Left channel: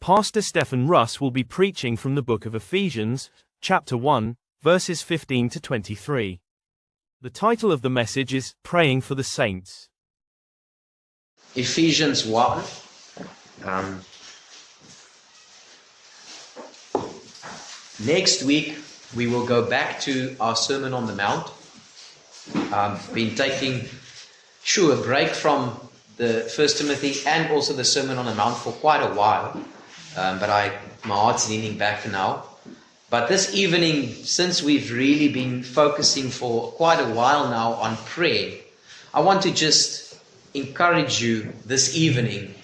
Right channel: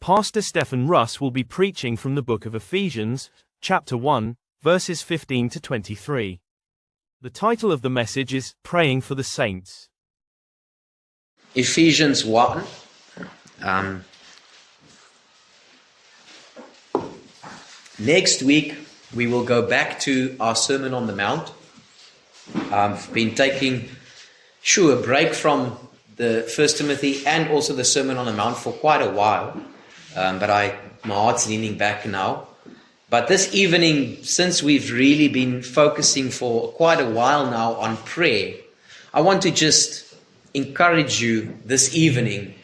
Pastor Stephen Russ will be preaching from the book of Ephesians, chapter 1, verses 15 to 23. The title of the message is Praying for the Saints. Ephesians 1. Next week, we will go back to our Sermon on the Mount. I've been taking a break from the 1 Timothy and also the Sermon on the Mount for quite a while. But my heart's leaning back now. But this evening, since we've really been focusing for quite a while now on prayer, I want to just encourage you this evening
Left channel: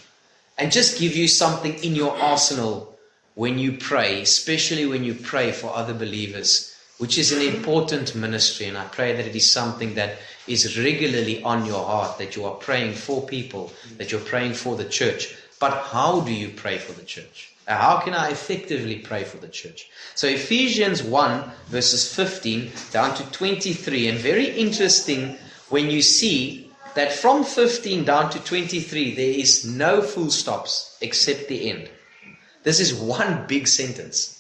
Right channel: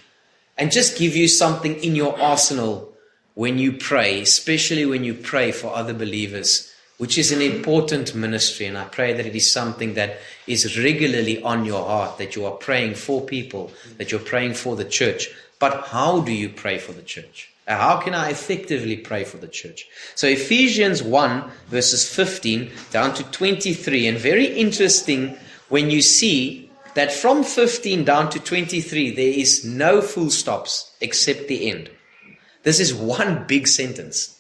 and just give you something in your arsenal when you pray, especially when you pray for other believers, which is an important ministry. And I pray that it is something that is regularly on your heart, that you are praying for people, that you're praying for the church. But how do you pray for the church? How can I effectively pray for the church? So Ephesians 1 verses 15 down to 23, and very interesting when you see that from 15 down to 23, there is no full stops except the end. This is one big sentence.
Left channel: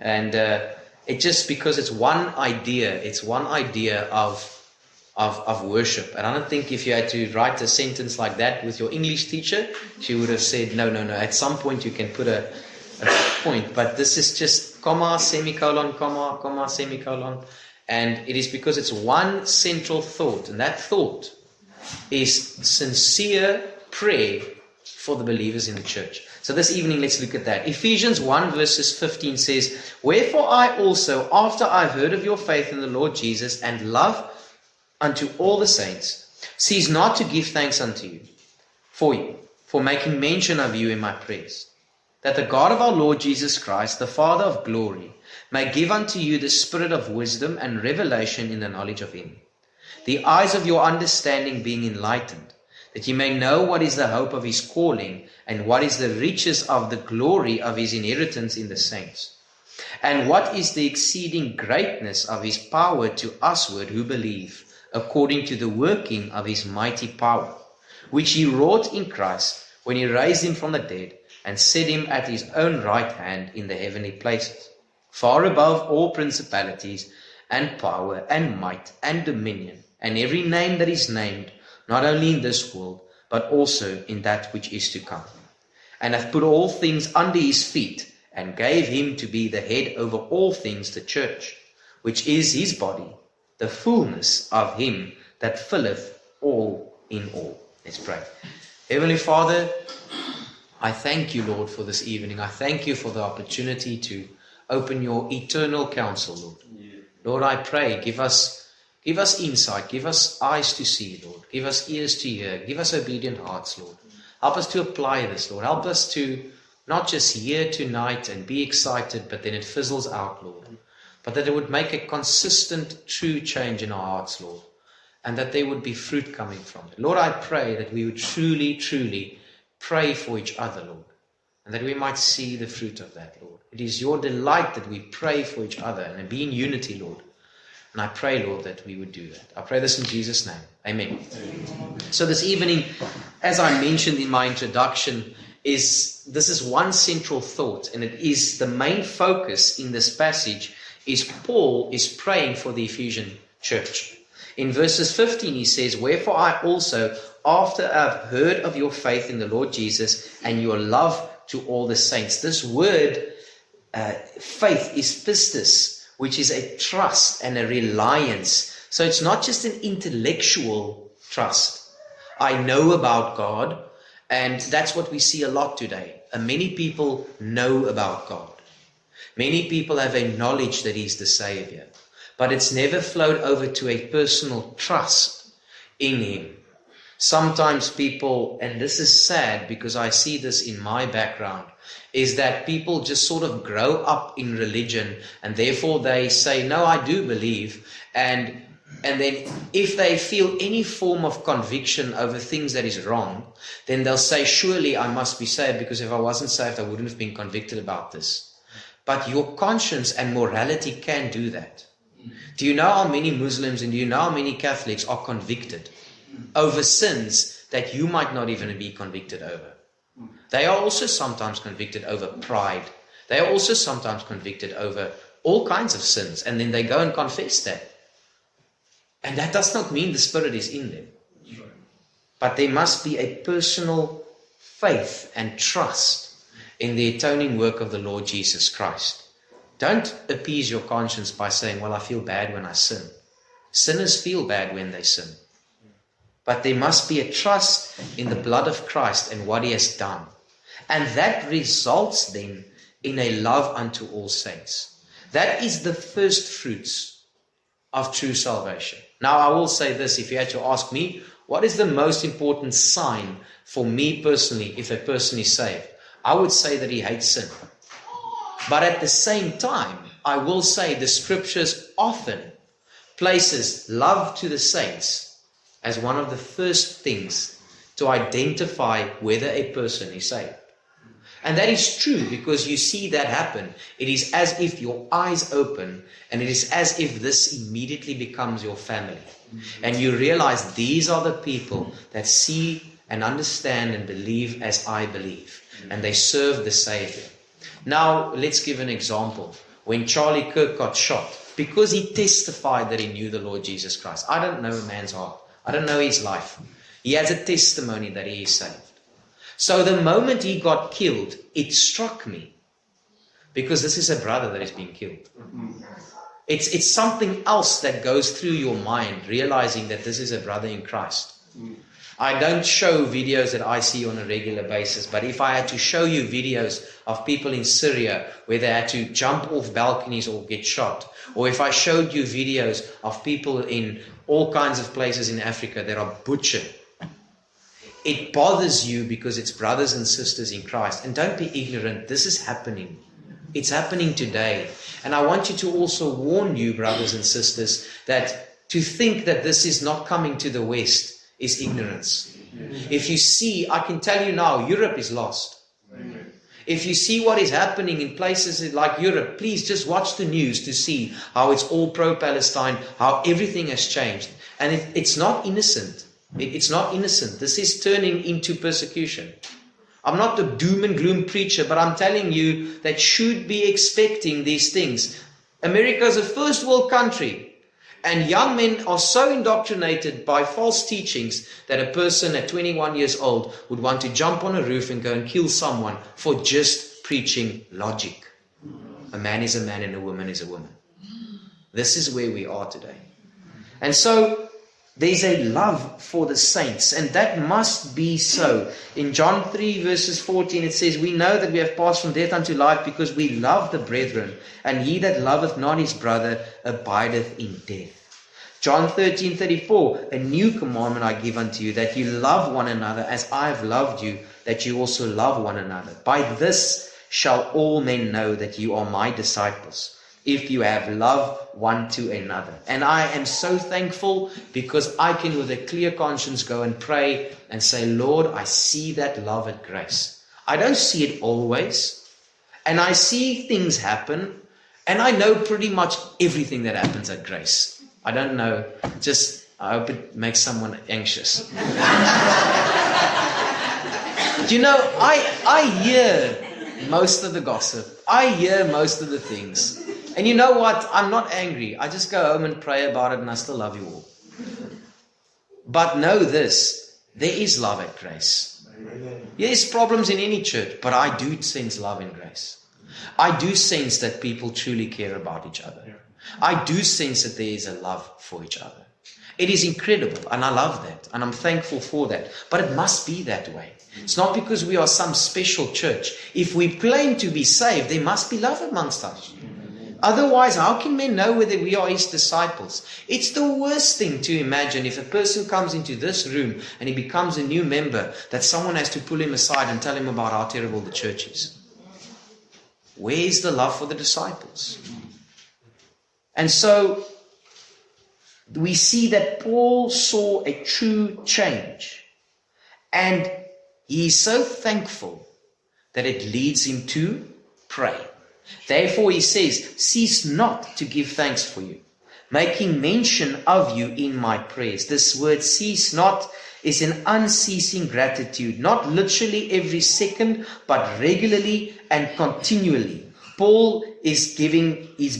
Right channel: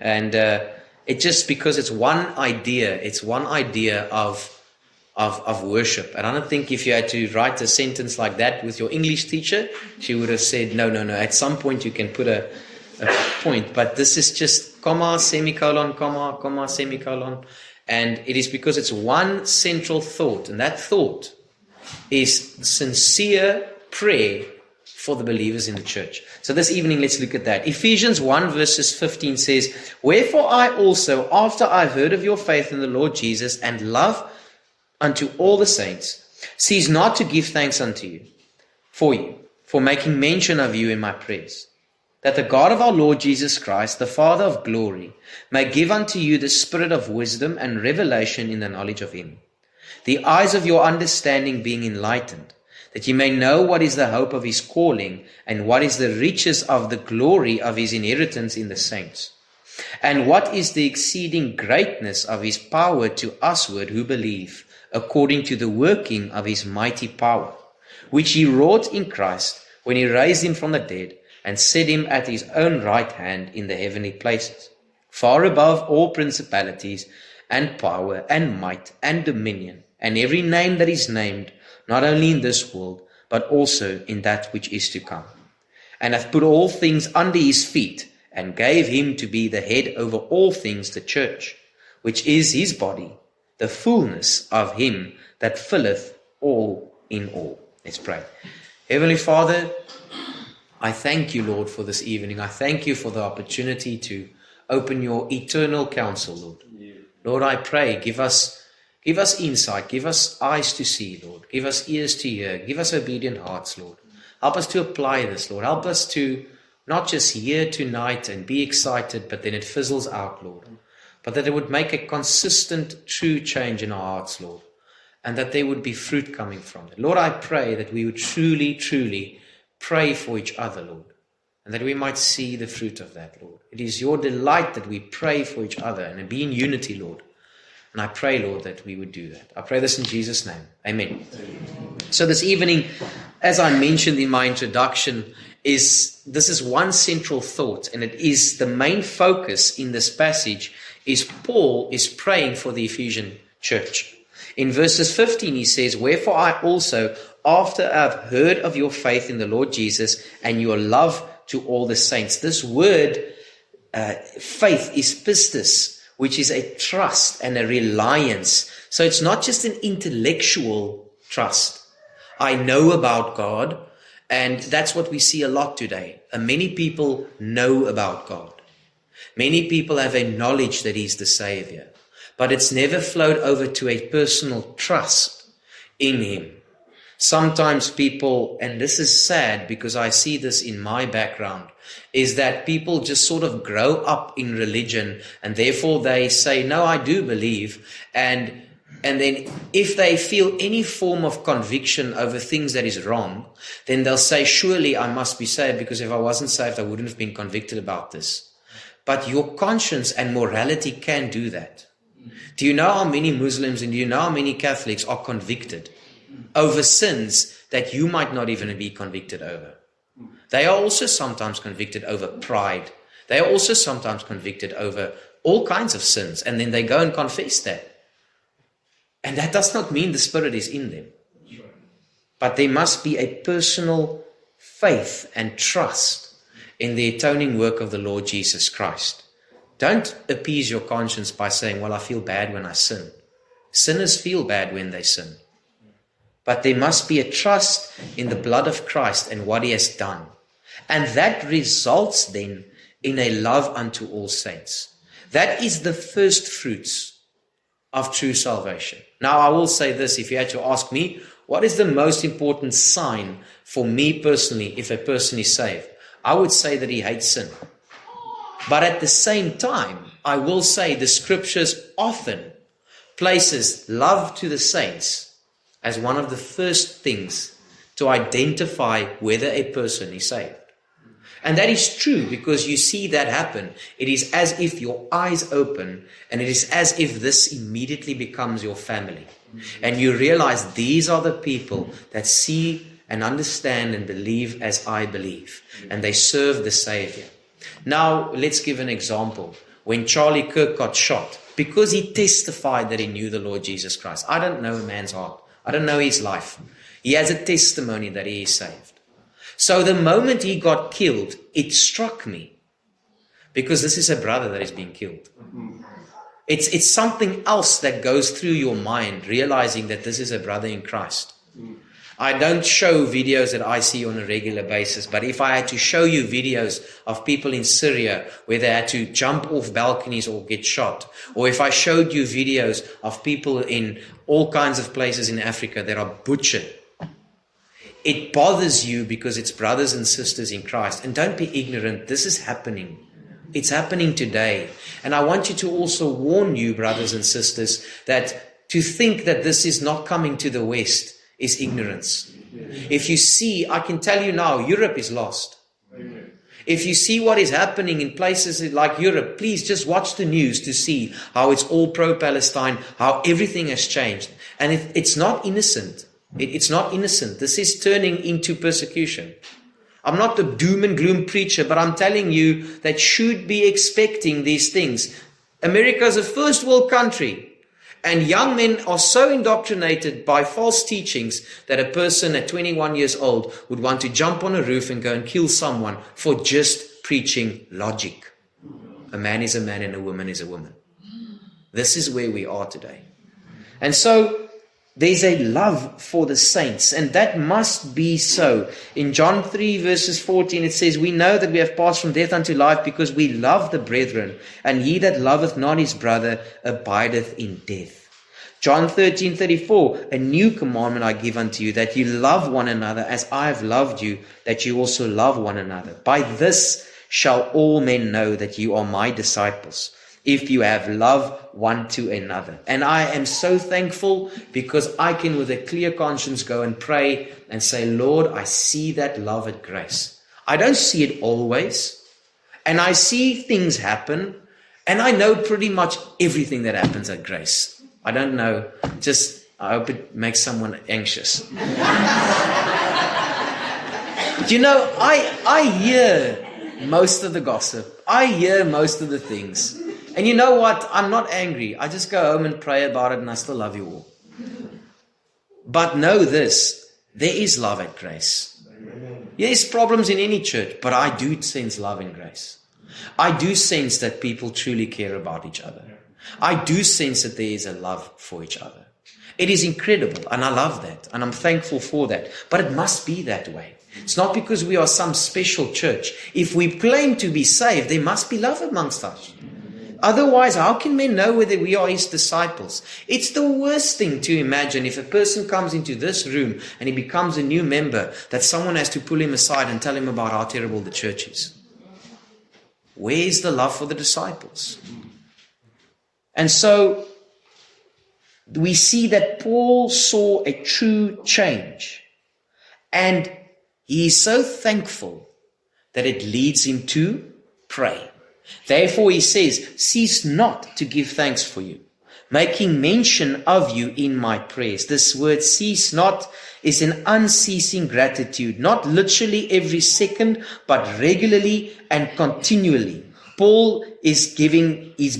And it just because it's one idea of worship. And I don't think if you had to write a sentence like that with your English teacher, she would have said, no. At some point you can put a point. But this is just comma, semicolon, comma, comma, semicolon. And it is because it's one central thought. And that thought is sincere prayer for the believers in the church. So this evening, let's look at that. Ephesians 1 verses 15 says, "Wherefore I also, after I've heard of your faith in the Lord Jesus and love unto all the saints, cease not to give thanks unto you, for making mention of you in my prayers, that the God of our Lord Jesus Christ, the Father of glory, may give unto you the spirit of wisdom and revelation in the knowledge of him, the eyes of your understanding being enlightened, that ye may know what is the hope of his calling, and what is the riches of the glory of his inheritance in the saints, and what is the exceeding greatness of his power to usward who believe, according to the working of his mighty power, which he wrought in Christ, when he raised him from the dead, and set him at his own right hand in the heavenly places, far above all principalities, and power, and might, and dominion, and every name that is named, not only in this world, but also in that which is to come, and hath put all things under his feet, and gave him to be the head over all things, the church, which is his body, the fullness of him that filleth all in all." Let's pray. Heavenly Father, I thank you, Lord, for this evening. I thank you for the opportunity to open your eternal counsel, Lord. Lord, I pray, give us insight, give us eyes to see, Lord. Give us ears to hear, give us obedient hearts, Lord. Help us to apply this, Lord. Help us to not just hear tonight and be excited, but then it fizzles out, Lord. But that it would make a consistent, true change in our hearts, Lord. And that there would be fruit coming from it. Lord, I pray that we would truly, truly pray for each other, Lord. And that we might see the fruit of that, Lord. It is your delight that we pray for each other and be in unity, Lord. And I pray, Lord, that we would do that. I pray this in Jesus' name. Amen. So this evening, as I mentioned in my introduction, this is one central thought. And it is the main focus in this passage is Paul is praying for the Ephesian church. In verses 15 he says, "Wherefore I also, after I have heard of your faith in the Lord Jesus and your love to all the saints." This word, faith, is pistis, which is a trust and a reliance. So it's not just an intellectual trust. I know about God, and that's what we see a lot today. Many people know about God. Many people have a knowledge that he's the Savior, but it's never flowed over to a personal trust in him. Sometimes people, and this is sad because I see this in my background, is that people just sort of grow up in religion and therefore they say, no, I do believe. And then if they feel any form of conviction over things that is wrong, then they'll say, surely I must be saved because if I wasn't saved, I wouldn't have been convicted about this. But your conscience and morality can do that. Do you know how many Muslims and do you know how many Catholics are convicted over sins that you might not even be convicted over? They are also sometimes convicted over pride. They are also sometimes convicted over all kinds of sins, and then they go and confess that. And that does not mean the Spirit is in them. But there must be a personal faith and trust in the atoning work of the Lord Jesus Christ. Don't appease your conscience by saying, well, I feel bad when I sin. Sinners feel bad when they sin. But there must be a trust in the blood of Christ and what He has done. And that results then in a love unto all saints. That is the first fruits of true salvation. Now, I will say this, if you had to ask me, what is the most important sign for me personally if a person is saved? I would say that he hates sin. But at the same time, I will say the scriptures often places love to the saints as one of the first things to identify whether a person is saved. And that is true because you see that happen. It is as if your eyes open and it is as if this immediately becomes your family. And you realize these are the people that see and understand and believe as I believe. And they serve the Savior. Now, let's give an example. When Charlie Kirk got shot, because he testified that he knew the Lord Jesus Christ. I don't know a man's heart. I don't know his life. He has a testimony that he is saved. So the moment he got killed, it struck me. Because this is a brother that is being killed. It's something else that goes through your mind, realizing that this is a brother in Christ. I don't show videos that I see on a regular basis, but if I had to show you videos of people in Syria where they had to jump off balconies or get shot, or if I showed you videos of people in all kinds of places in Africa that are butchered, it bothers you because it's brothers and sisters in Christ. And don't be ignorant, this is happening. It's happening today. And I want you to also warn you, brothers and sisters, that to think that this is not coming to the West is ignorance. If you see, I can tell you now, Europe is lost. If you see what is happening in places like Europe, please just watch the news to see how it's all pro-Palestine, how everything has changed. And it's not innocent. It's not innocent. This is turning into persecution. I'm not the doom and gloom preacher, but I'm telling you that should be expecting these things. America is a first world country. And young men are so indoctrinated by false teachings that a person at 21 years old would want to jump on a roof and go and kill someone for just preaching logic. A man is a man and a woman is a woman. This is where we are today. And so there's a love for the saints, and that must be so. In John 3 verses 14 it says, we know that we have passed from death unto life because we love the brethren, and he that loveth not his brother abideth in death. John 13:34, a new commandment I give unto you, that you love one another as I have loved you, that you also love one another. By this shall all men know that you are my disciples, if you have love one to another. And I am so thankful because I can with a clear conscience go and pray and say, Lord, I see that love at Grace. I don't see it always. And I see things happen. And I know pretty much everything that happens at Grace. I don't know. I hope it makes someone anxious. You know, I hear most of the gossip. I hear most of the things. And you know what? I'm not angry. I just go home and pray about it and I still love you all. But know this, there is love at Grace. There's problems in any church, but I do sense love in Grace. I do sense that people truly care about each other. I do sense that there is a love for each other. It is incredible and I love that and I'm thankful for that. But it must be that way. It's not because we are some special church. If we claim to be saved, there must be love amongst us. Otherwise, how can men know whether we are his disciples? It's the worst thing to imagine if a person comes into this room and he becomes a new member, that someone has to pull him aside and tell him about how terrible the church is. Where is the love for the disciples? And so we see that Paul saw a true change. And he is so thankful that it leads him to pray. Therefore, he says, cease not to give thanks for you, making mention of you in my prayers. This word cease not is an unceasing gratitude, not literally every second, but regularly and continually. Paul is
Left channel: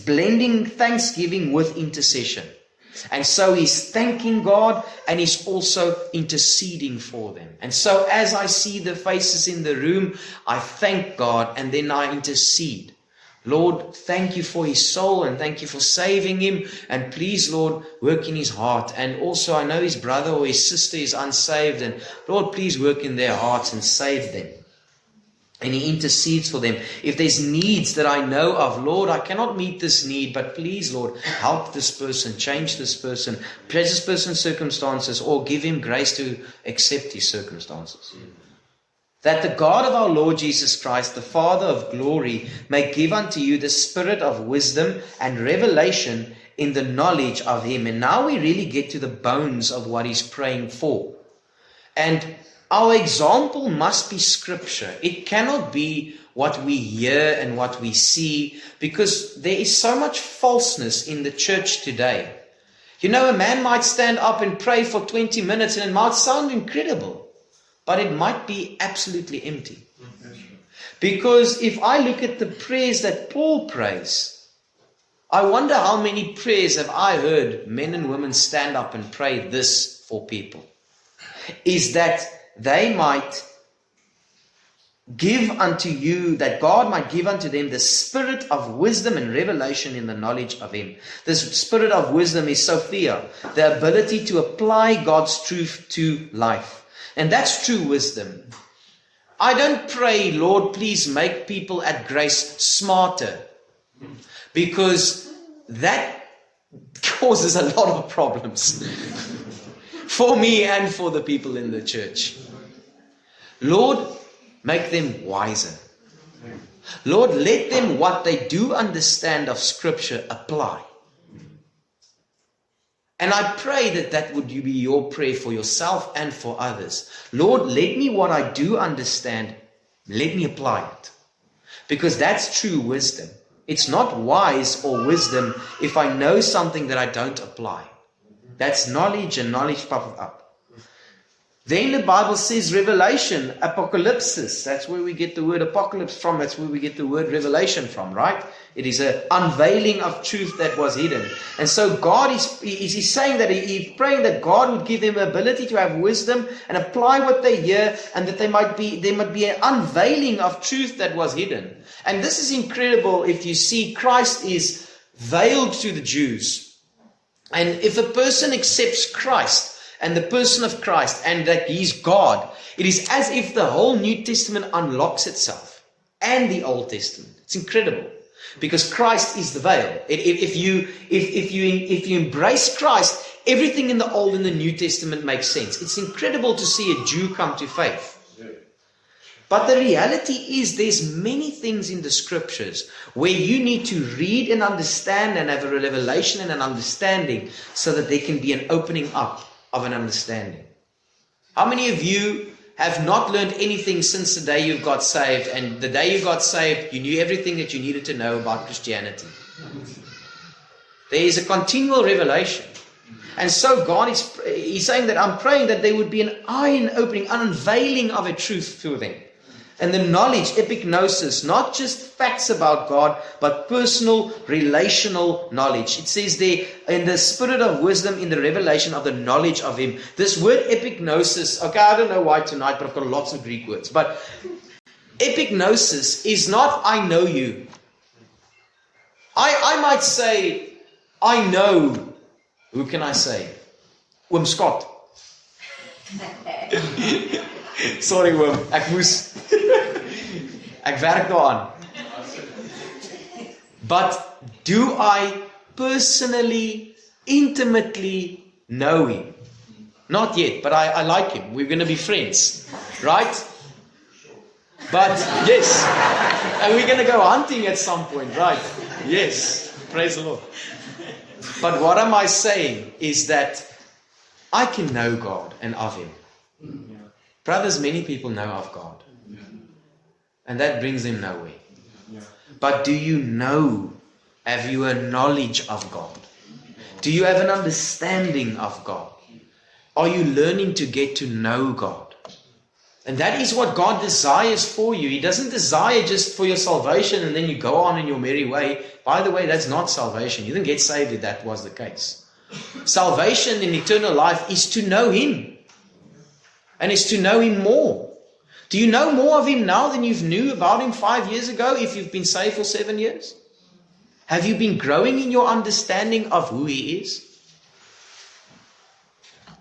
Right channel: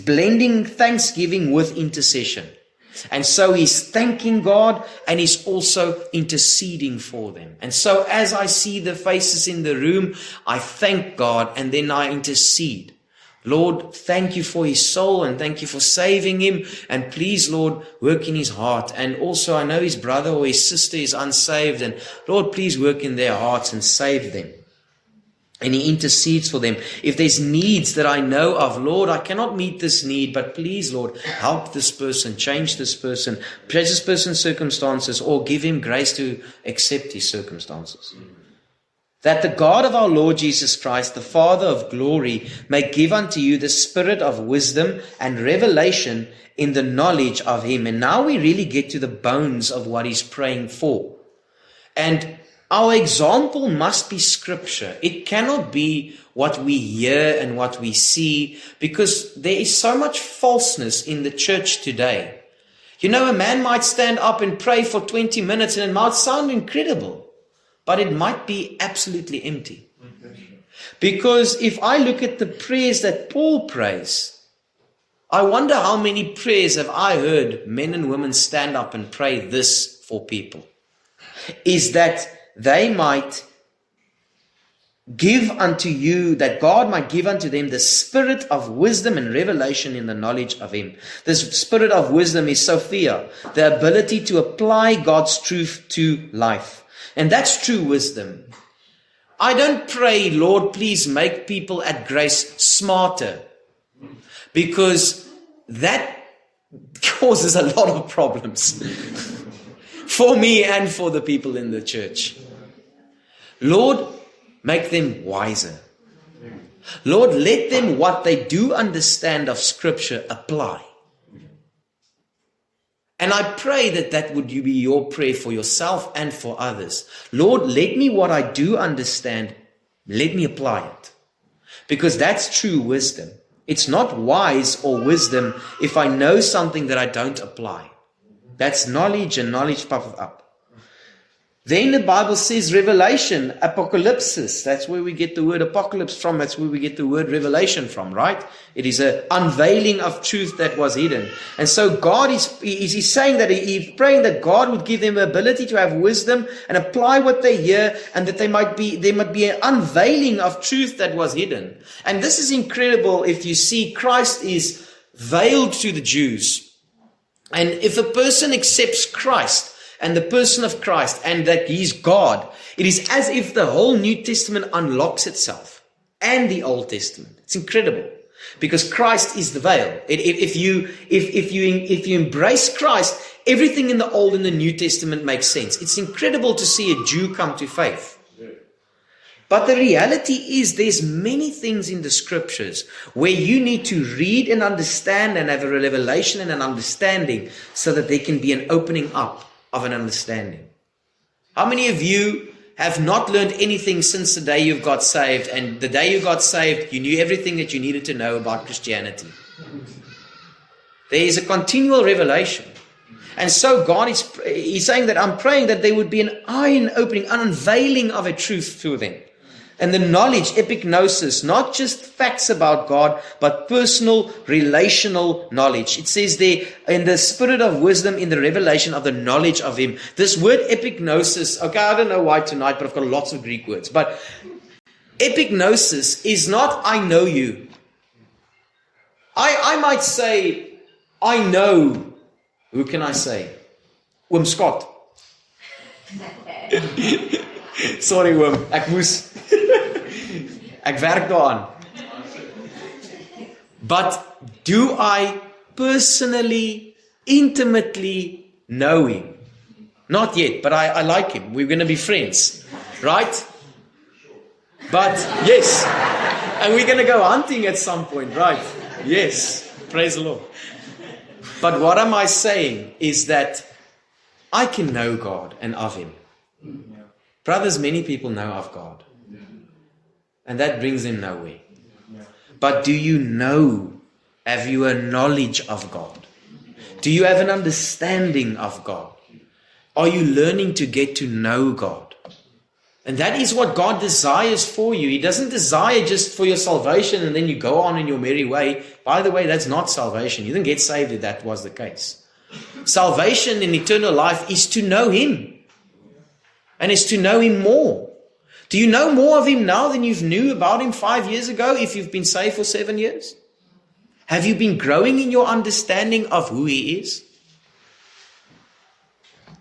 blending thanksgiving with intercession. And so he's thanking God and he's also interceding for them. And so as I see the faces in the room, I thank God and then I intercede. Lord, thank you for his soul and thank you for saving him. And please, Lord, work in his heart. And also I know his brother or his sister is unsaved. And Lord, please work in their hearts and save them. And he intercedes for them. If there's needs that I know of, Lord, I cannot meet this need, but please, Lord, help this person, change this person, change this person's circumstances, or give him grace to accept his circumstances. That the God of our Lord Jesus Christ, the Father of glory, may give unto you the spirit of wisdom and revelation in the knowledge of him. And now we really get to the bones of what he's praying for. And our example must be Scripture. It cannot be what we hear and what we see, because there is so much falseness in the church today. You know, a man might stand up and pray for 20 minutes and it might sound incredible, but it might be absolutely empty. Because if I look at the prayers that Paul prays, I wonder how many prayers have I heard men and women stand up and pray this for people. Is that they might give unto you, that God might give unto them the spirit of wisdom and revelation in the knowledge of him. This spirit of wisdom is Sophia, the ability to apply God's truth to life. And that's true wisdom. I don't pray, Lord, please make people at Grace smarter, because that causes a lot of problems for me and for the people in the church. Lord, make them wiser. Lord, let them what they do understand of Scripture apply. And I pray that that would be your prayer for yourself and for others. Lord, let me what I do understand, let me apply it. Because that's true wisdom. It's not wise or wisdom if I know something that I don't apply. That's knowledge, and knowledge puffeth up. Then the Bible says revelation, apocalypsis. That's where we get the word apocalypse from. That's where we get the word revelation from, right? It is an unveiling of truth that was hidden. And so God is saying that he's praying that God would give them the ability to have wisdom and apply what they hear, and that there might be an unveiling of truth that was hidden. And this is incredible. If you see, Christ is veiled to the Jews. And if a person accepts Christ, and the person of Christ, and that he's God, it is as if the whole New Testament unlocks itself, and the Old Testament. It's incredible, because Christ is the veil. If you embrace Christ, everything in the Old and the New Testament makes sense. It's incredible to see a Jew come to faith. But the reality is there's many things in the Scriptures where you need to read and understand and have a revelation and an understanding, so that there can be an opening up of an understanding. How many of you have not learned anything since the day you got saved, and the day you got saved, you knew everything that you needed to know about Christianity? There is a continual revelation. And so God is saying that I'm praying that there would be an eye-opening, an unveiling of a truth to them. And the knowledge, epignosis, not just facts about God, but personal, relational knowledge. It says there, in the spirit of wisdom, in the revelation of the knowledge of him. This word epignosis, okay, I don't know why tonight, but I've got lots of Greek words. But epignosis is not, I know you. I might say, I know, who can I say? Oom Scott. Sorry Oom, ek moes. Ek werk daaraan. But do I personally, intimately know him? Not yet, but I like him. We're going to be friends, right? But yes, and we're going to go hunting at some point, right? Yes, praise the Lord. But what am I saying is that I can know God and of him. Brothers, many people know of God. And that brings them nowhere. But do you know? Have you a knowledge of God? Do you have an understanding of God? Are you learning to get to know God? And that is what God desires for you. He doesn't desire just for your salvation and then you go on in your merry way. By the way, that's not salvation. You didn't get saved if that was the case. Salvation in eternal life is to know Him. And it's to know Him more. Do you know more of Him now than you knew about Him 5 years ago if you've been saved for 7 years? Have you been growing in your understanding of who He is?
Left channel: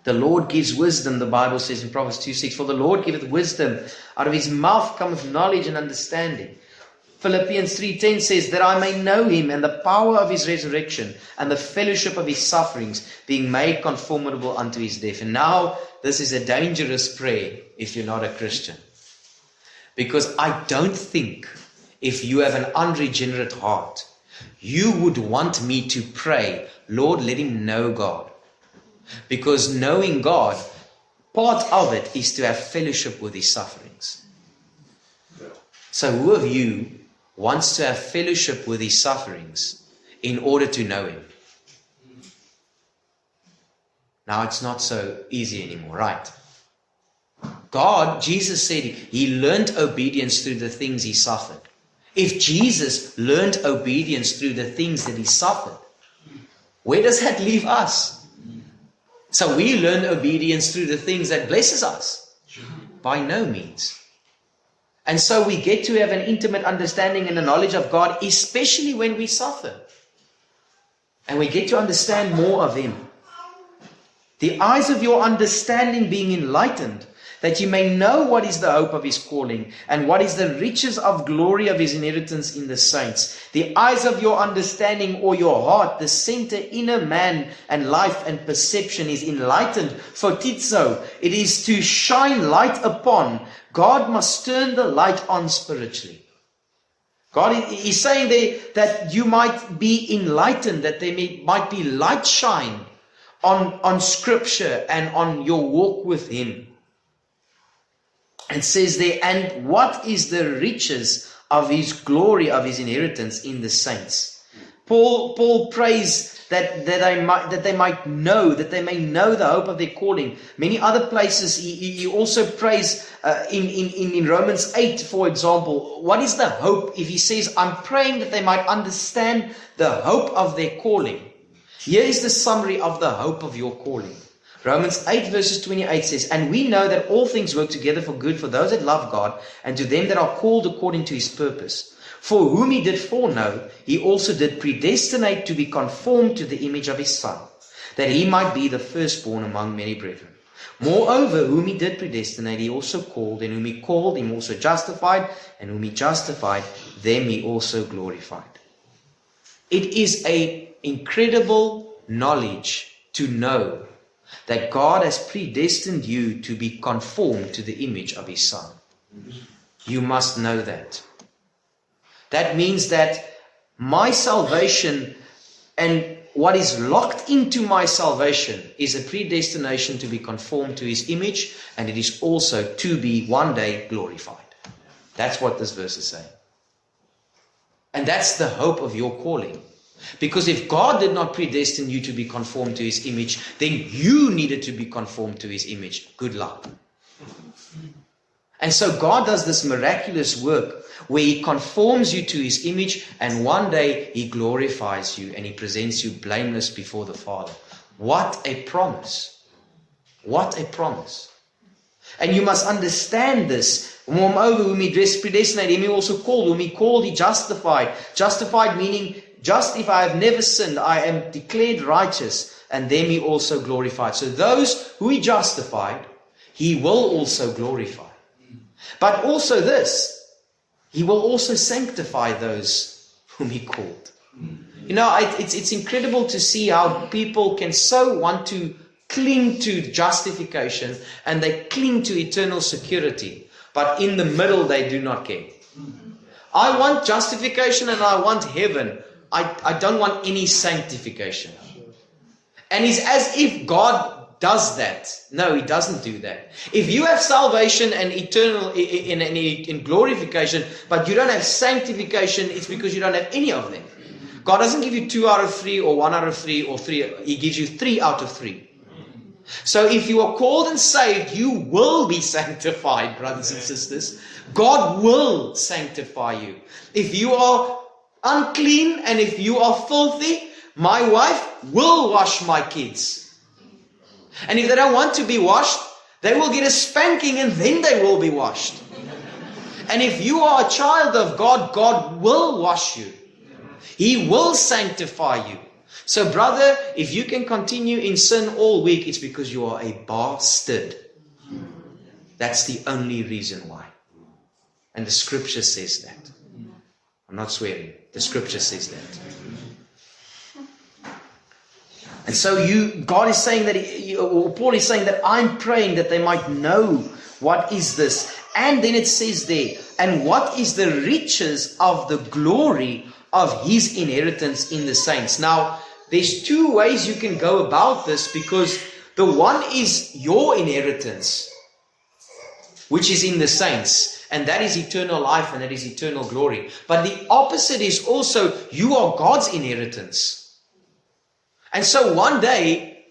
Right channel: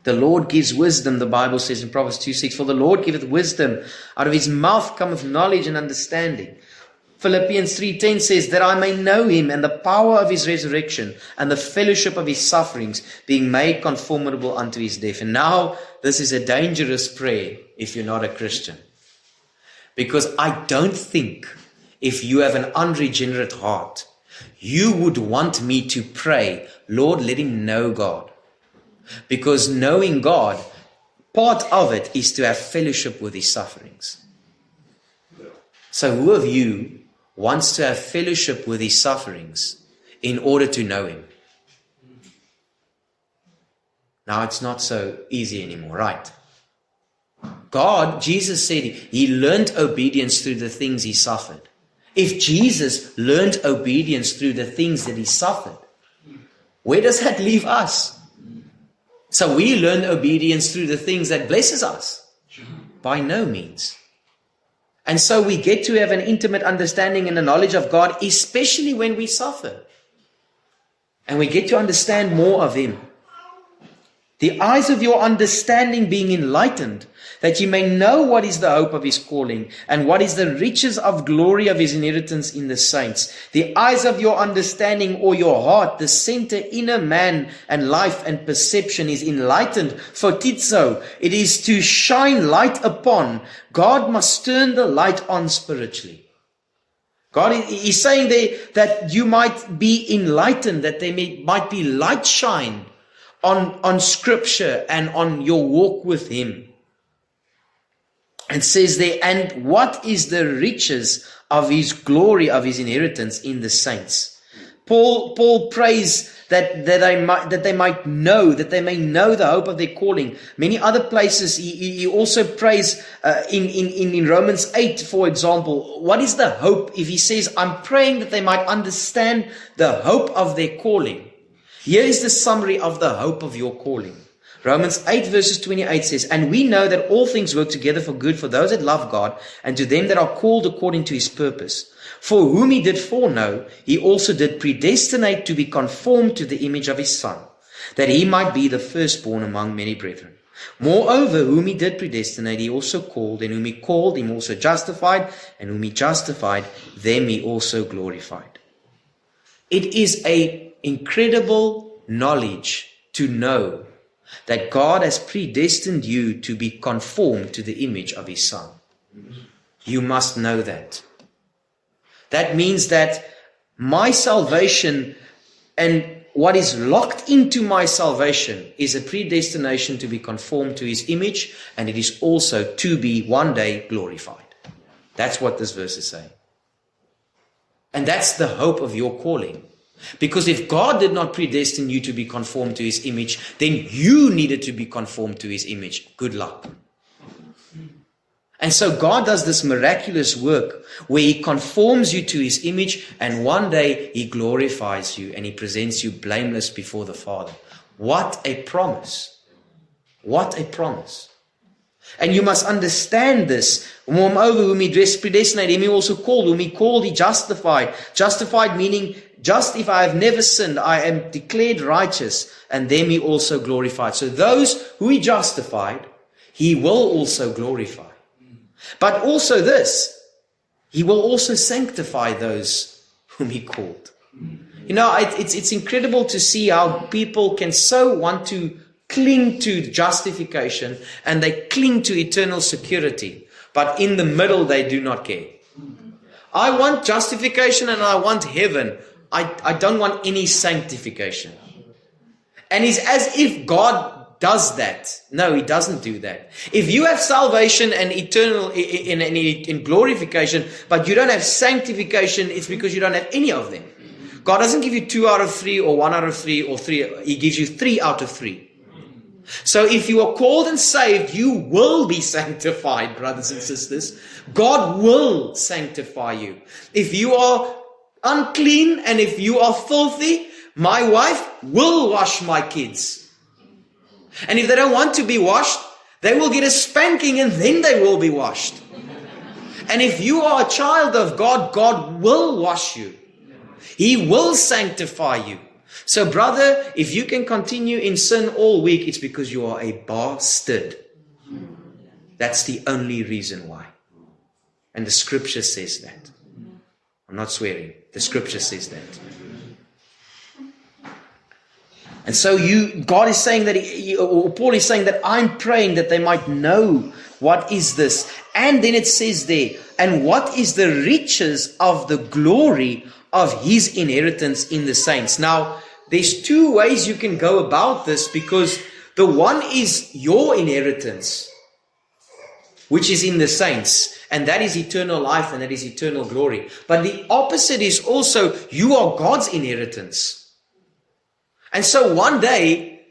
The Lord gives wisdom, the Bible says in Proverbs 2:6. For the Lord giveth wisdom, out of His mouth cometh knowledge and understanding. Philippians 3:10 says, that I may know Him and the power of His resurrection and the fellowship of His sufferings, being made conformable unto His death. And now, this is a dangerous prayer if you're not a Christian. Because I don't think if you have an unregenerate heart, you would want me to pray, Lord, let him know God. Because knowing God, part of it is to have fellowship with His sufferings. So who of you wants to have fellowship with His sufferings in order to know Him? Now it's not so easy anymore, right? God, Jesus said He learned obedience through the things He suffered. If Jesus learned obedience through the things that He suffered, where does that leave us? So we learn obedience through the things that blesses us? By no means. And so we get to have an intimate understanding and a knowledge of God, especially when we suffer. And we get to understand more of Him. The eyes of your understanding being enlightened, that you may know what is the hope of His calling, and what is the riches of glory of His inheritance in the saints. The eyes of your understanding, or your heart, the center, inner man and life and perception, is enlightened. Photizo, it is to shine light upon. God must turn the light on spiritually. God is saying there that you might be enlightened, that there might be light shine on Scripture and on your walk with Him. And says there, and what is the riches of His glory, of His inheritance in the saints? Paul prays that they might know, that they may know the hope of their calling. Many other places he also prays in Romans 8, for example. What is the hope? If he says, I'm praying that they might understand the hope of their calling. Here is the summary of the hope of your calling. Romans 8 verses 28 says, and we know that all things work together for good for those that love God, and to them that are called according to His purpose. For whom He did foreknow, He also did predestinate to be conformed to the image of His Son, that He might be the firstborn among many brethren. Moreover, whom He did predestinate, He also called, and whom He called, Him also justified, and whom He justified, them He also glorified. It is an incredible knowledge to know that God has predestined you to be conformed to the image of His Son. You must know that. That means that my salvation and what is locked into my salvation is a predestination to be conformed to His image, and it is also to be one day glorified. That's what this verse is saying. And that's the hope of your calling. Because if God did not predestine you to be conformed to His image, then you needed to be conformed to His image. Good luck. And so God does this miraculous work where He conforms you to His image, and one day He glorifies you and He presents you blameless before the Father. What a promise. What a promise. And you must understand this. Moreover, whom He predestinated, Him He also called. Whom He called, He justified. Justified meaning, just if I have never sinned, I am declared righteous, and them He also glorified. So those who He justified, He will also glorify. But also this, He will also sanctify those whom He called. You know, it's incredible to see how people can so want to cling to justification, and they cling to eternal security, but in the middle they do not care. I want justification and I want heaven. I don't want any sanctification. And it's as if God does that. No, He doesn't do that. If you have salvation and eternal in glorification, but you don't have sanctification, it's because you don't have any of them. God doesn't give you 2 out of 3 or 1 out of 3 or 3. He gives you 3 out of 3. So if you are called and saved, you will be sanctified, brothers and sisters. God will sanctify you. If you are unclean and if you are filthy, my wife will wash my kids. And if they don't want to be washed, they will get a spanking and then they will be washed. And if you are a child of God, God will wash you. He will sanctify you. So brother, if you can continue in sin all week, it's because you are a bastard. That's the only reason why. And the scripture says that. I'm not swearing. The scripture says that. And so God is saying that, or Paul is saying that I'm praying that they might know what is this. And then it says there, and what is the riches of the glory of his inheritance in the saints. Now, there's two ways you can go about this, because the one is your inheritance, which is in the saints, and that is eternal life and that is eternal glory. But the opposite is also you are God's inheritance. And so one day,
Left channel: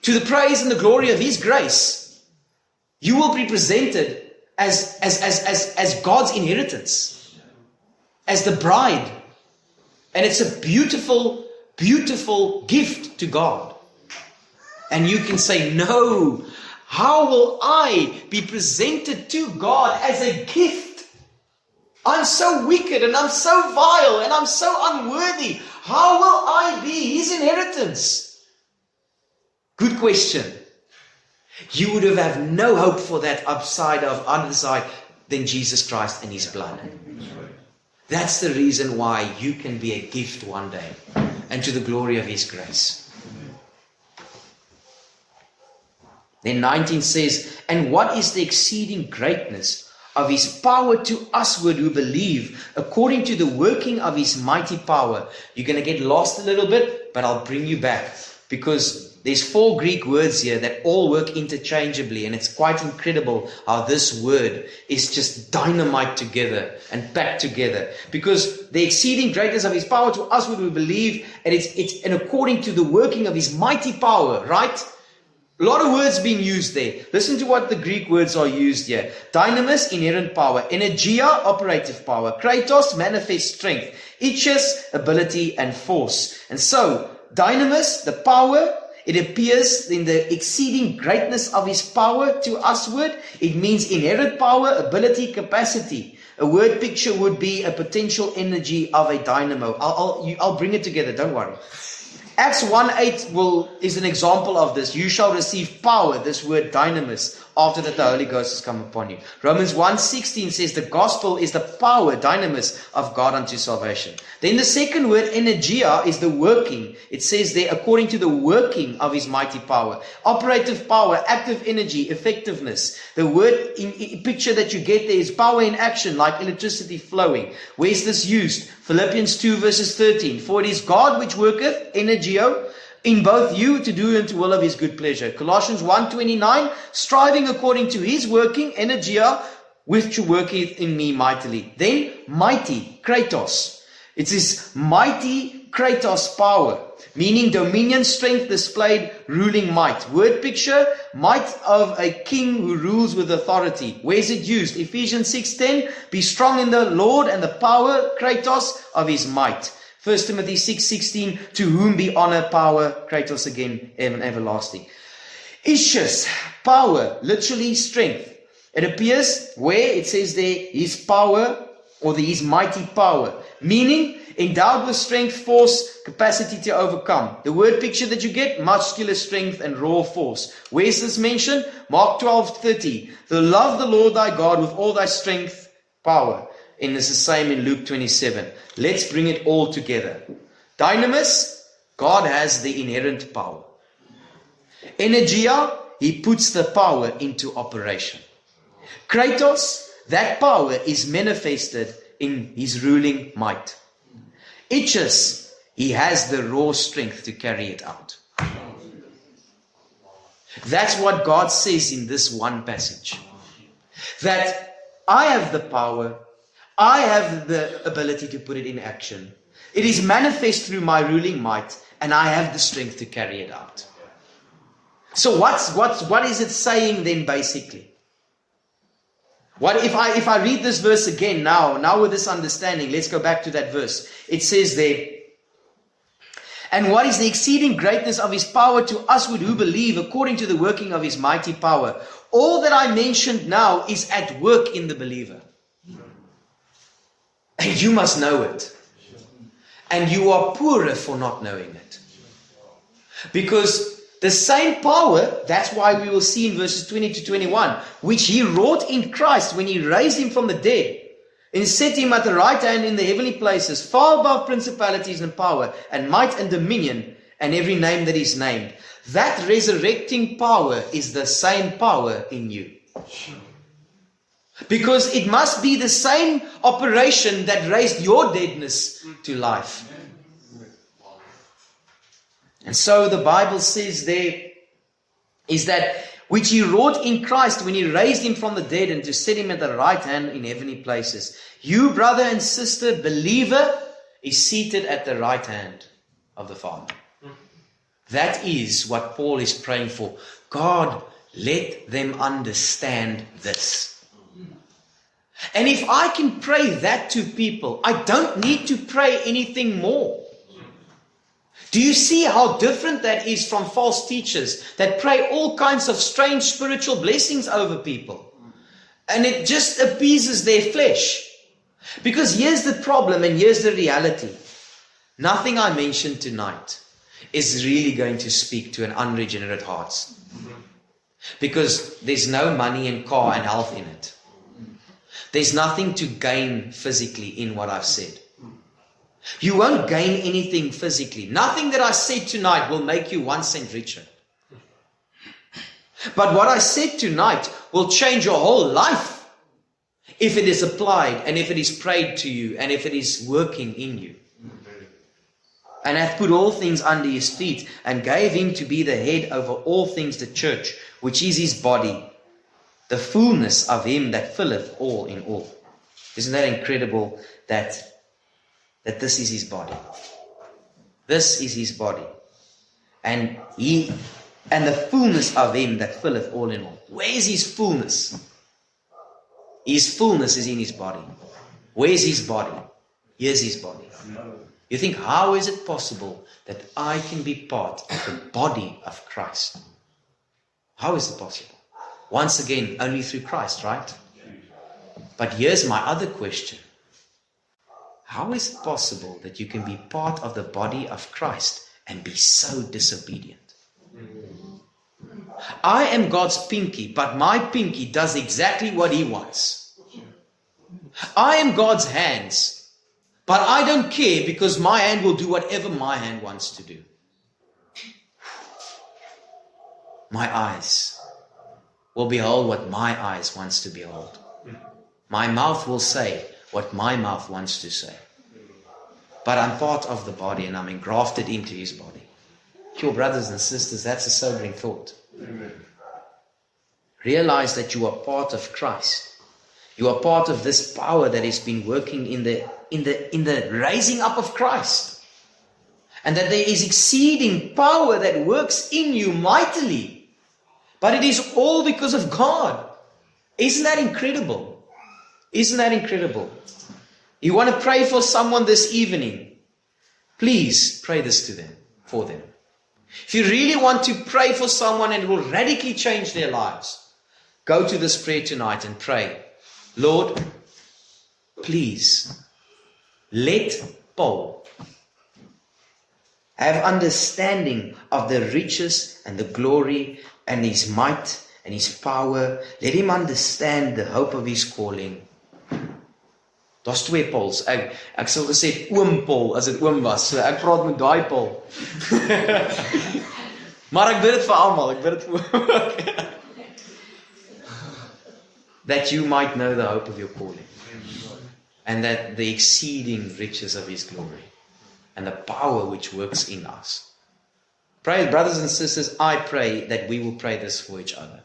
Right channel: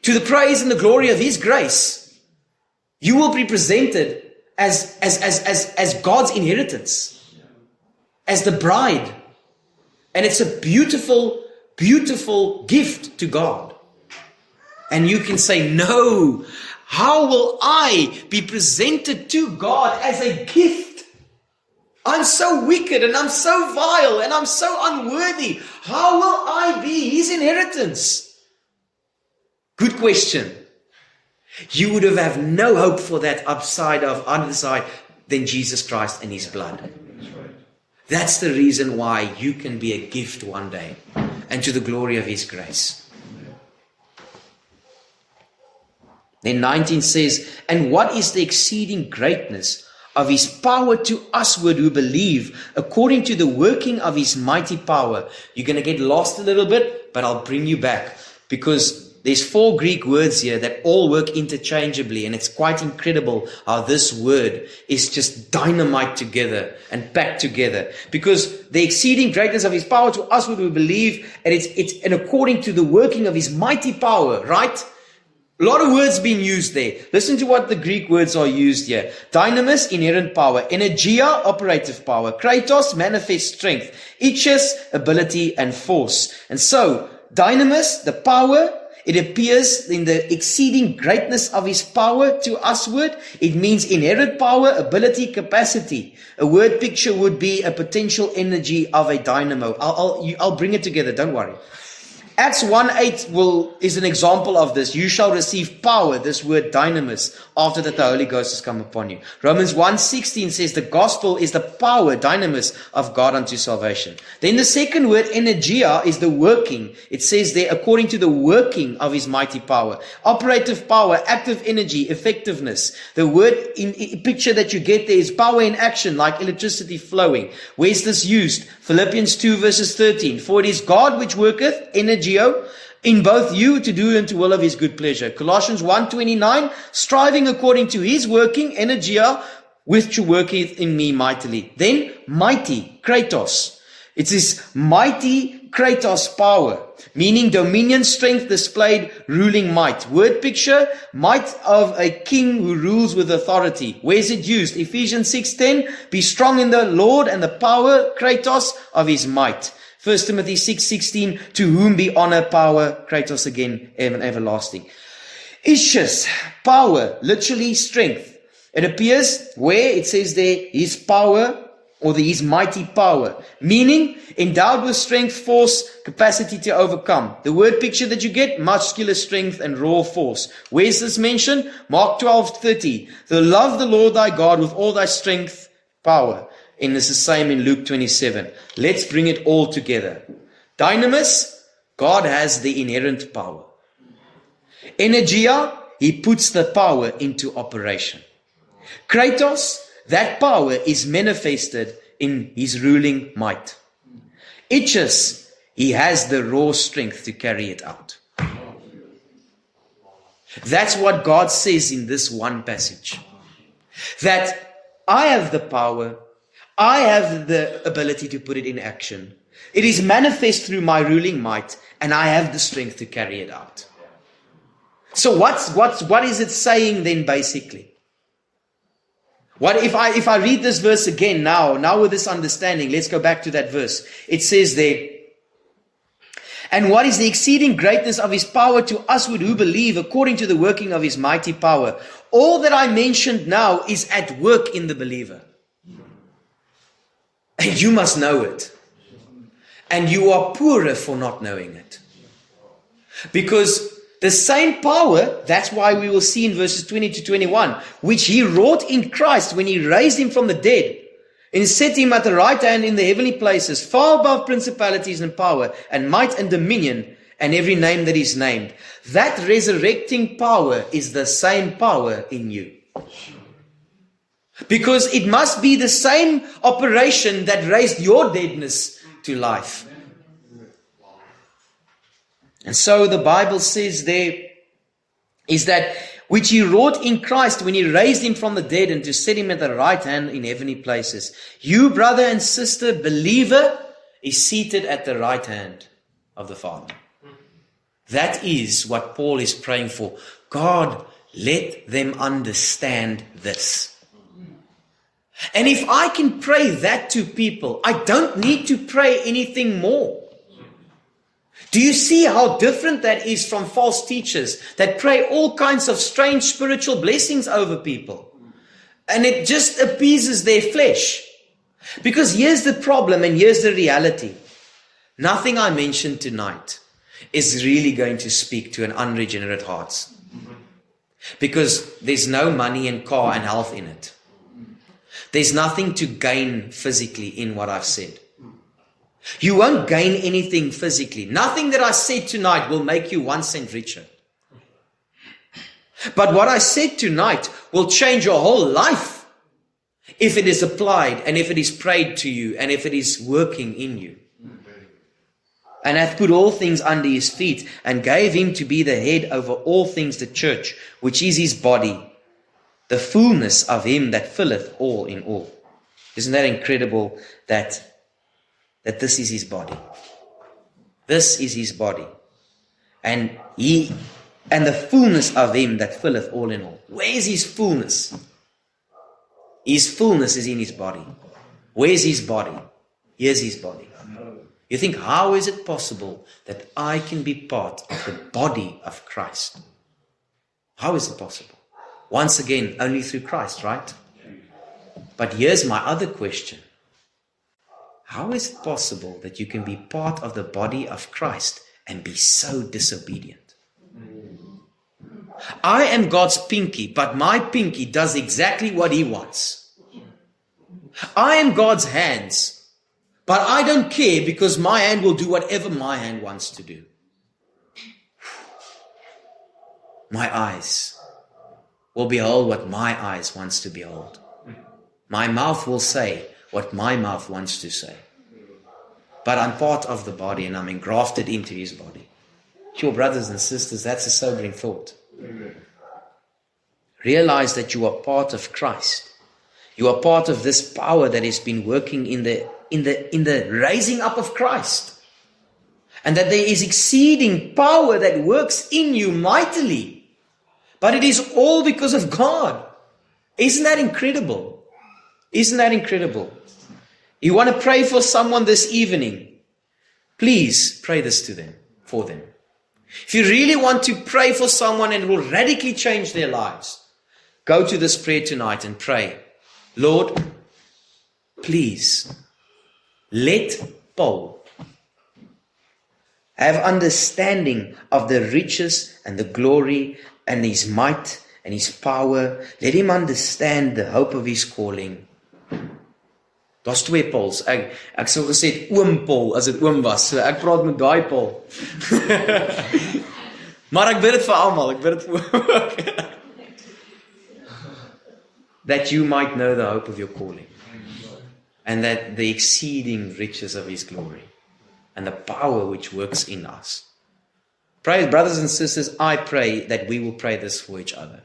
to the praise and the glory of his grace, you will be presented as God's inheritance, as the bride. And it's a beautiful, beautiful gift to God. And you can say, no, how will I be presented to God as a gift? I'm so wicked and I'm so vile and I'm so unworthy. How will I be his inheritance? Good question. You would have no hope for that other side than Jesus Christ and his blood. That's the reason why you can be a gift one day, and to the glory of his grace. Then 19 says, and what is the exceeding greatness of his power to usward who believe, according to the working of his mighty power? You're going to get lost a little bit, but I'll bring you back, because there's 4 Greek words here that all work interchangeably, and it's quite incredible how this word is just dynamite together and packed together. Because the exceeding greatness of his power to usward who believe, and it's according to the working of his mighty power, right? A lot of words being used there. Listen to what the Greek words are used here. Dynamis, inherent power. Energia, operative power. Kratos, manifest strength. Ichus, ability and force. And so, dynamis, the power, it appears in the exceeding greatness of his power to usward. It means inherent power, ability, capacity. A word picture would be a potential energy of a dynamo. I'll bring it together, don't worry. Acts 1:8 is an example of this. You shall receive power, this word dynamis, after that the Holy Ghost has come upon you. Romans 1:16 says the gospel is the power, dynamis, of God unto salvation. Then the second word, energia, is the working. It says there, according to the working of his mighty power. Operative power, active energy, effectiveness. The word in picture that you get there is power in action, like electricity flowing. Where's this used? Philippians 2 verses 13. For it is God which worketh, energio, in both you to do unto will of his good pleasure. Colossians 1:29, striving according to his working, energia, which worketh in me mightily. Then mighty, kratos. It's his mighty kratos power, meaning dominion, strength displayed, ruling might. Word picture, might of a king who rules with authority. Where is it used? Ephesians 6:10, be strong in the Lord and the power, kratos, of his might. 1 Timothy 6:16, to whom be honor, power, kratos again, everlasting. Ischus, power, literally strength. It appears where it says there, his power, or his mighty power, meaning endowed with strength, force, capacity to overcome. The word picture that you get, muscular strength and raw force. Where's this mentioned? Mark 12:30. The love the Lord thy God with all thy strength, power. And it's the same in Luke 27. Let's bring it all together. Dynamis, God has the inherent power. Energia, he puts the power into operation. Kratos, that power is manifested in his ruling might. Ichus, he has the raw strength to carry it out. That's what God says in this one passage. That I have the power, I have the ability to put it in action. It is manifest through my ruling might, and I have the strength to carry it out. So what is it saying then basically? What if I read this verse again now with this understanding, let's go back to that verse. It says there, and what is the exceeding greatness of his power to us who believe according to the working of his mighty power? All that I mentioned now is at work in the believer. And you must know it. And you are poorer for not knowing it. Because the same power, that's why we will see in verses 20 to 21, which he wrought in Christ when he raised him from the dead and set him at the right hand in the heavenly places, far above principalities and power and might and dominion and every name that is named. That resurrecting power is the same power in you. Because it must be the same operation that raised your deadness to life. And so the Bible says there is that which he wrought in Christ when he raised him from the dead and to set him at the right hand in heavenly places. You, brother and sister, believer, is seated at the right hand of the Father. That is what Paul is praying for. God, let them understand this. And if I can pray that to people, I don't need to pray anything more. Do you see how different that is from false teachers that pray all kinds of strange spiritual blessings over people? And it just appeases their flesh. Because here's the problem and here's the reality. Nothing I mentioned tonight is really going to speak to an unregenerate heart. Because there's no money and car and health in it. There's nothing to gain physically in what I've said. You won't gain anything physically. Nothing that I said tonight will make you 1 cent richer. But what I said tonight will change your whole life if it is applied and if it is prayed to you and if it is working in you. And hath put all things under his feet and gave him to be the head over all things, the church, which is his body, the fullness of him that filleth all in all. Isn't that incredible that this is his body? This is his body. And the fullness of him that filleth all in all. Where is his fullness? His fullness is in his body. Where's his body? Here's his body. You think, how is it possible that I can be part of the body of Christ? How is it possible? Once again, only through Christ, right? But here's my other question. How is it possible that you can be part of the body of Christ and be so disobedient? I am God's pinky, but my pinky does exactly what he wants. I am God's hands, but I don't care because my hand will do whatever my hand wants to do. My eyes will behold what my eyes wants to behold. My mouth will say what my mouth wants to say. But I'm part of the body and I'm engrafted into his body. Your brothers and sisters, that's a sobering thought. Amen. Realize that you are part of Christ. You are part of this power that has been working in the raising up of Christ. And that there is exceeding power that works in you mightily. But it is all because of God. Isn't that incredible? Isn't that incredible? You want to pray for someone this evening? Please pray this to them, for them. If you really want to pray for someone and it will radically change their lives, go to this prayer tonight and pray. Lord, please let Paul have understanding of the riches and the glory and his might and his power. Let him understand the hope of his calling. Daar's 2 Pauls. Ek sou gesê oom Paul as dit oom was. So ek praat met daai Paul. Maar ek bid dit vir almal. Ek bid dit vir ook. That you might know the hope of your calling. And that the exceeding riches of his glory. And the power which works in us. Pray, brothers and sisters, I pray that we will pray this for each other.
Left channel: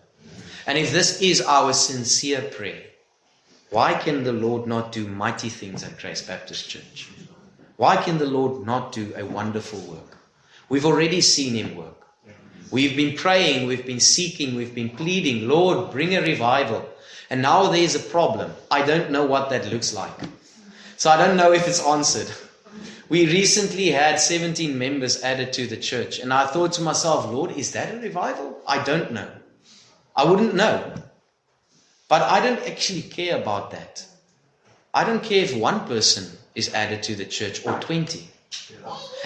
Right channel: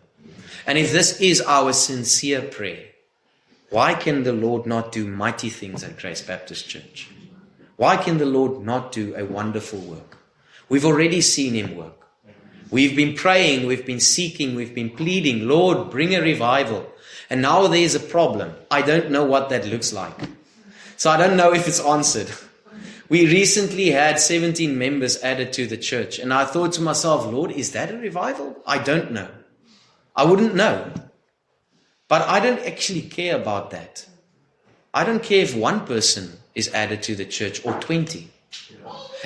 And if this is our sincere prayer, why can the Lord not do mighty things at Grace Baptist Church? Why can the Lord not do a wonderful work? We've already seen him work. We've been praying, we've been seeking, we've been pleading, Lord, bring a revival. And now there's a problem. I don't know what that looks like. So I don't know if it's answered. We recently had 17 members added to the church. And I thought to myself, Lord, is that a revival? I don't know. I wouldn't know. But I don't actually care about that. I don't care if one person is added to the church or 20.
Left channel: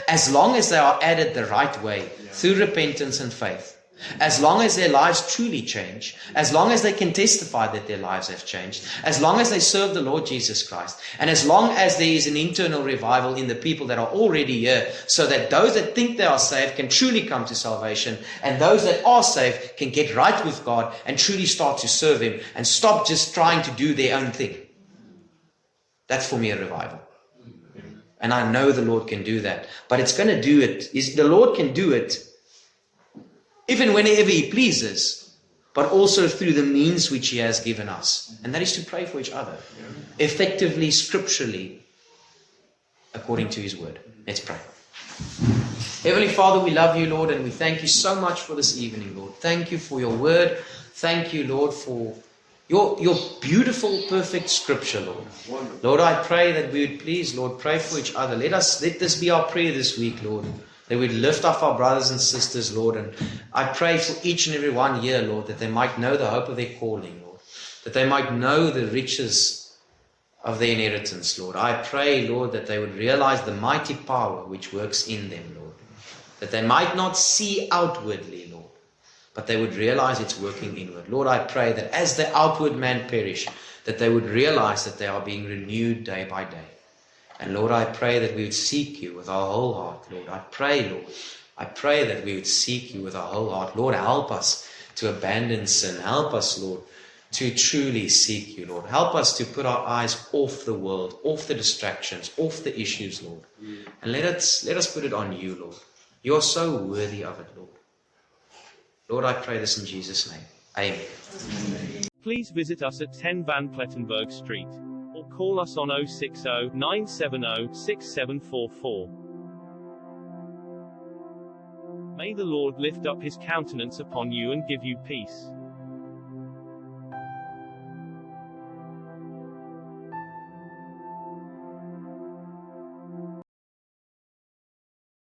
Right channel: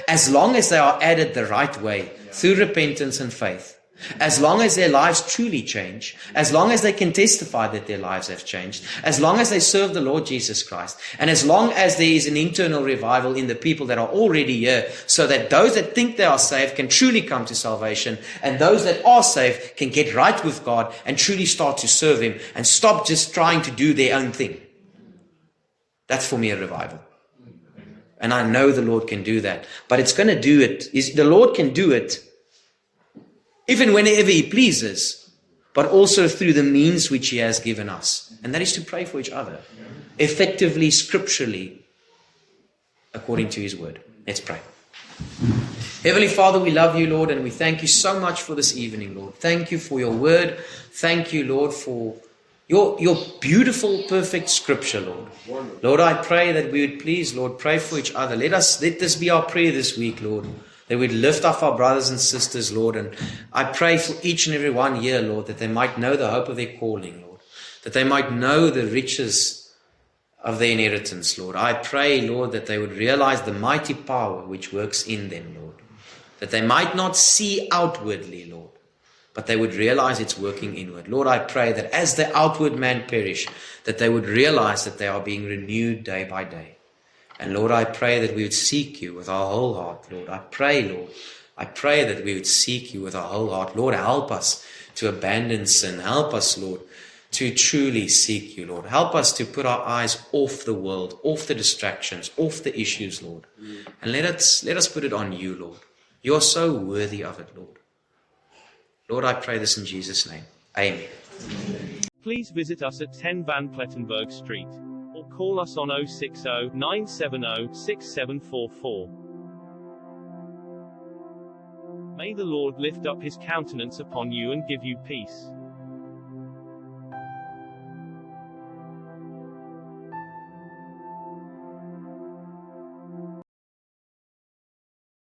As long as they are added the right way, through repentance and faith. As long as their lives truly change, as long as they can testify that their lives have changed, as long as they serve the Lord Jesus Christ, and as long as there is an internal revival in the people that are already here, so that those that think they are saved can truly come to salvation, and those that are saved can get right with God and truly start to serve Him and stop just trying to do their own thing. That's for me a revival. And I know the Lord can do that. But it's going to do it. The Lord can do it if and whenever He pleases, but also through the means which He has given us. And that is to pray for each other, effectively, scripturally, according to His word. Let's pray. Heavenly Father, we love You, Lord, and we thank You so much for this evening, Lord. Thank You for Your word. Thank You, Lord, for Your beautiful, perfect scripture, Lord. Lord, I pray that we would please, Lord, pray for each other. Let this be our prayer this week, Lord. That we'd lift up our brothers and sisters, Lord. And I pray for each and every one here, Lord, that they might know the hope of their calling, Lord. That they might know the riches of their inheritance, Lord. I pray, Lord, that they would realize the mighty power which works in them, Lord. That they might not see outwardly, Lord, but they would realize it's working inward. Lord, I pray that as the outward man perish, that they would realize that they are being renewed day by day. And Lord, I pray that we would seek You with our whole heart, Lord. I pray that we would seek You with our whole heart. Lord, help us to abandon sin. Help us, Lord, to truly seek You, Lord. Help us to put our eyes off the world, off the distractions, off the issues, Lord. And let us put it on You, Lord. You are so worthy of it, Lord. Lord, I pray this in Jesus' name. Amen. Please visit us at 10 Van Plettenberg Street, or call us on 060 970 6744. May the Lord lift up His countenance upon you and give you peace.